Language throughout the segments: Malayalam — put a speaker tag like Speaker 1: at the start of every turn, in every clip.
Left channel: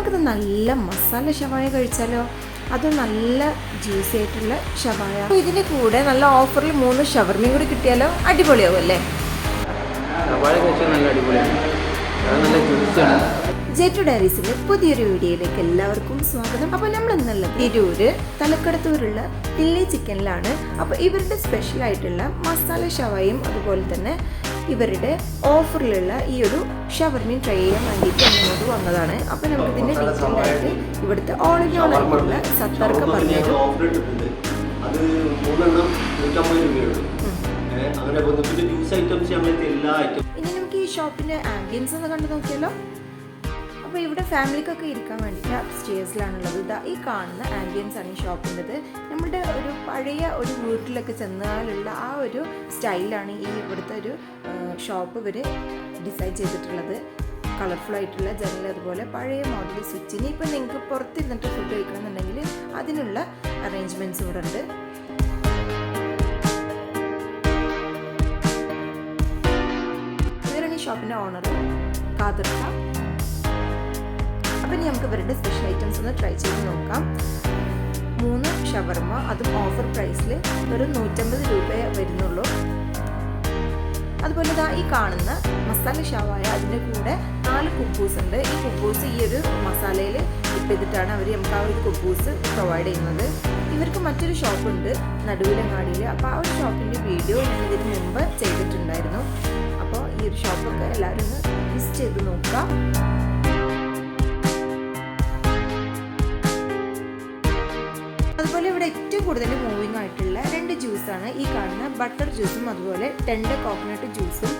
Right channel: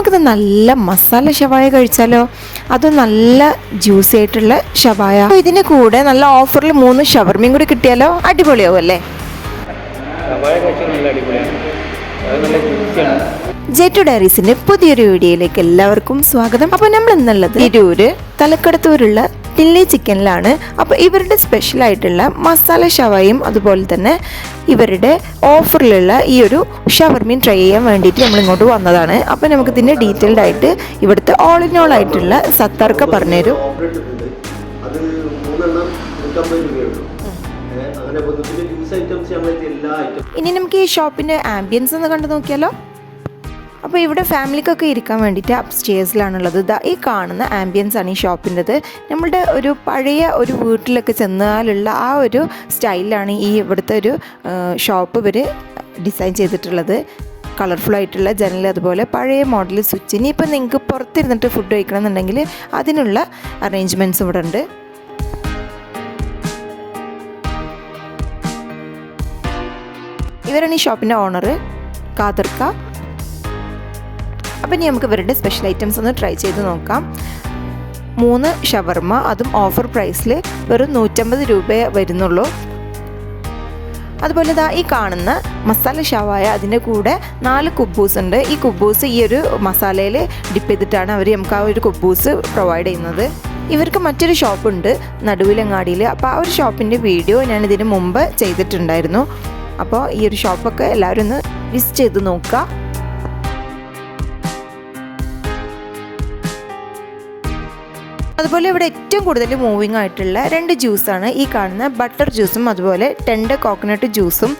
Speaker 1: നമുക്കിത് നല്ല മസാല ഷവായ കഴിച്ചാലോ? അത് നല്ല ജ്യൂസി ആയിട്ടുള്ള ഷവായ അപ്പോൾ ഇതിന് കൂടെ നല്ല ഓഫറിൽ മൂന്ന് ഷവർമയും കൂടി കിട്ടിയാലോ? അടിപൊളിയാവും അല്ലേ
Speaker 2: സവായ നല്ല അടിപൊളിയാണ്. അത് നല്ല ജ്യൂസിയാണ്
Speaker 1: ജെറ്റു ഡയറീസിന്റെ പുതിയൊരു വീഡിയോയിലേക്ക് എല്ലാവർക്കും സ്വാഗതം. അപ്പോൾ നമ്മൾ ഇന്നുള്ളത് തിരൂര് തലക്കടത്തൂരുള്ള ടില്ലി ചിക്കനിലാണ്. അപ്പോൾ ഇവരുടെ സ്പെഷ്യലായിട്ടുള്ള മസാല ഷവായും അതുപോലെ തന്നെ ഇവരുടെ ഓഫറിലുള്ള ഈ ഒരു ഷവർമീൻ ട്രൈ ചെയ്യാൻ വേണ്ടിയിട്ട് നമ്മൾ ഇങ്ങോട്ട് വന്നതാണ്. അപ്പോൾ നമുക്ക് ഇതിന്റെ ഡീറ്റെയിൽഡ് ആയിട്ട് ഇവിടുത്തെ ഓൾ ഇൻ ഓൾ ആയിട്ടുള്ള സത്താർക്ക പറഞ്ഞുതരും.
Speaker 3: അത് മൂന്നെണ്ണം നൂറ്റമ്പത് രൂപയുള്ളൂ ഏഹ് അങ്ങനെ ജ്യൂസ് ഐറ്റംസ് നമ്മളെ എല്ലാ ഐറ്റം
Speaker 1: ഇനി നമുക്ക് ഈ ഷോപ്പിന്റെ ആംബിയൻസ് ഒന്ന് കണ്ടു നോക്കിയാലോ? അപ്പോൾ ഇവിടെ ഫാമിലിക്കൊക്കെ ഇരിക്കാൻ വേണ്ടിയിട്ട് അപ്സ്റ്റേഴ്സിലാണുള്ളത് ഇതാ ഈ കാണുന്ന ആംബിയൻസ് ആണ് ഈ ഷോപ്പിന്റെത് നമ്മളുടെ ഒരു പഴയ ഒരു വീട്ടിലൊക്കെ ചെന്നാലുള്ള ആ ഒരു സ്റ്റൈലാണ് ഈ ഇവിടുത്തെ ഒരു ഷോപ്പ് ഇവർ ഡിസൈൻ ചെയ്തിട്ടുള്ളത്. കളർഫുൾ ആയിട്ടുള്ള ജനൽ അതുപോലെ പഴയ മോഡൽ സ്വിച്ച് ഇനി ഇപ്പം നിങ്ങൾക്ക് പുറത്തിരുന്നിട്ട് ഫുഡ് കഴിക്കണം എന്നുണ്ടെങ്കിൽ അതിനുള്ള അറേഞ്ച്മെന്റ്സ് ഇവിടെ ഉണ്ട്. ഇവരാണ് ഈ ഷോപ്പിന്റെ ഓണർ കാതർക്ക. അപ്പം ഇനി നമുക്ക് ഇവരുടെ സ്പെഷ്യൽ ഐറ്റംസ് ഒന്ന് ട്രൈ ചെയ്ത് നോക്കാം. മൂന്ന് ഷവർമ അതും ഓഫർ പ്രൈസിൽ വെറും നൂറ്റമ്പത് രൂപയെ വരുന്നുള്ളൂ. അതുപോലെ ഇതാ ഈ കാണുന്ന മസാല ഷവായ അതിന്റെ കൂടെ നാല് കുബൂസ് ഉണ്ട്. ഈ കുബൂസ് ഈ ഒരു മസാലയിൽ ഡിപ്പ് ചെയ്തിട്ടാണ് അവർ നമുക്ക് ആ ഒരു കുബൂസ് പ്രൊവൈഡ് ചെയ്യുന്നത്. ഇവർക്ക് മറ്റൊരു ഷോപ്പുണ്ട് നടുവിലങ്ങാടിയിൽ അപ്പോൾ ആ ഒരു ഷോപ്പിന്റെ വീഡിയോ ഞാൻ ഇതിന് മുമ്പ് ചെയ്തിട്ടുണ്ടായിരുന്നു. അപ്പോൾ ഈ ഒരു ഷോപ്പൊക്കെ എല്ലാവരും ഒന്ന് വിസിറ്റ് ചെയ്ത് നോക്കുക. അതുപോലെ ഇവിടെ ഏറ്റവും കൂടുതൽ മൂവിങ് ആയിട്ടുള്ള രണ്ട് ജ്യൂസാണ് ഈ കാണുന്ന ബട്ടർ ജ്യൂസും അതുപോലെ ടെൻഡർ കോക്കനട്ട് ജ്യൂസും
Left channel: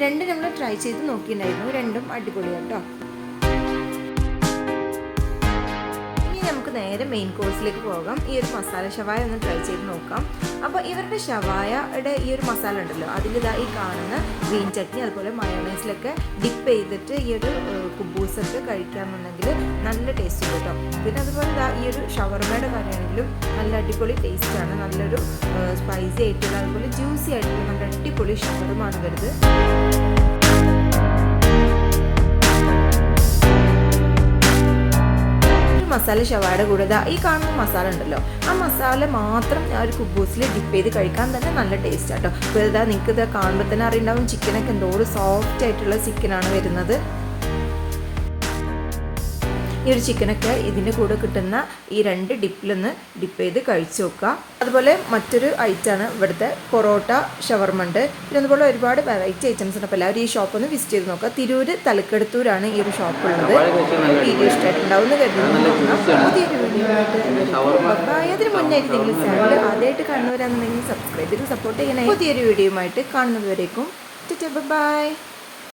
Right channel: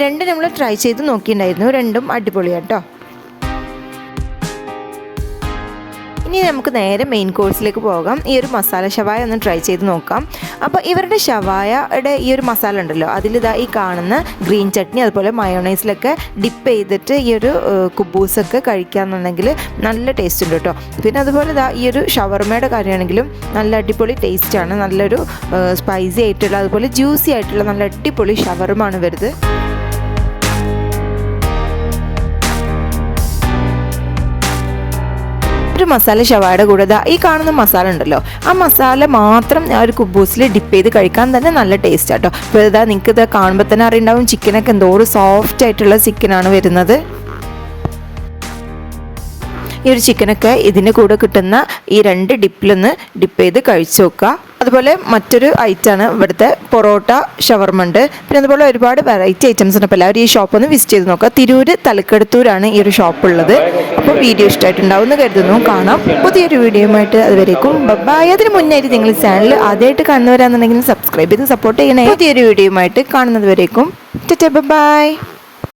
Speaker 1: രണ്ട് നമ്മൾ ട്രൈ ചെയ്ത് നോക്കിയിട്ടുണ്ടായിരുന്നു രണ്ടും അടിപൊളിയാണ് ഇനി നമുക്ക് നേരെ മെയിൻ കോഴ്സിലേക്ക് പോകാം. ഈ ഒരു മസാല ഷവായ ഒന്ന് ട്രൈ ചെയ്ത് നോക്കാം. അപ്പോൾ ഇവരുടെ ഷവായയുടെ ഈ ഒരു മസാല ഉണ്ടല്ലോ അതിലിതാ ഈ കാണുന്ന ഗ്രീൻ ചട്നി അതുപോലെ മയോണൈസിലൊക്കെ ഡിപ്പ് ചെയ്തിട്ട് ഈ ഒരു കുബൂസൊക്കെ കഴിക്കാന്നുണ്ടെങ്കിൽ നല്ല ടേസ്റ്റ് ഉണ്ട് കേട്ടോ പിന്നെ അതുപോലെ ഇതാ ഈ ഒരു ഷവർമയുടെ കാര്യമാണെങ്കിലും നല്ല അടിപൊളി ടേസ്റ്റാണ് നല്ലൊരു സ്പൈസി ആയിട്ടുള്ള അതുപോലെ ജ്യൂസി ആയിട്ടുള്ള നല്ല അടിപൊളി ഷവർമാണ് വരുന്നത് മസാല ഷവായുടെ കൂടെ ഈ കാണുന്ന മസാല ഉണ്ടല്ലോ. ആ മസാല മാത്രം ആ ഒരു കുബൂസിൽ ഡിപ്പ് ചെയ്ത് കഴിക്കാൻ തന്നെ നല്ല ടേസ്റ്റ് ആട്ടോ. അപ്പോൾ ഇതാ നിങ്ങൾക്ക് ഇത് കാണുമ്പോൾ തന്നെ അറിയുണ്ടാവും ചിക്കനൊക്കെ എന്തോ ഒരു സോഫ്റ്റ് ആയിട്ടുള്ള ചിക്കനാണ് വരുന്നത്. ഈ ഒരു ചിക്കനൊക്കെ ഇതിന്റെ കൂടെ കിട്ടുന്ന ഈ രണ്ട് ഡിപ്പിലൊന്ന് ഡിപ്പ് ചെയ്ത് കഴിച്ചു നോക്കുക അതുപോലെ മറ്റൊരു ഐറ്റം ആണ് ഇവിടുത്തെ പൊറോട്ട ഷവർമ ഉണ്ട് പിന്നെ അതുപോലെ ഒരുപാട് വെറൈറ്റി ഐറ്റംസ് ഉണ്ട്. അപ്പോൾ എല്ലാവരും ഈ ഷോപ്പ് ഒന്ന് വിസിറ്റ് ചെയ്ത് നോക്കുക. തിരൂര് തലക്കെടുത്തൂരാണ് ഈ ഒരു ഷോപ്പ് ഉള്ളത്. അപ്പോൾ വീഡിയോ ഇഷ്ടമായിട്ടുണ്ടാവും എന്ന് കരുതുന്നു. കാണാം. പുതിയൊരു വീഡിയോയുമായിട്ട് അതുവരേക്കും. ബൈ അതിന് മുന്നായിട്ട് നിങ്ങൾ ചാനൽ ആദ്യമായിട്ട് കാണുന്നവരാണെന്നുണ്ടെങ്കിൽ സബ്സ്ക്രൈബ് ചെയ്ത് സപ്പോർട്ട് ചെയ്യണേ. പുതിയൊരു വീഡിയോയുമായിട്ട് കാണുന്നത് വരേക്കും ബൈ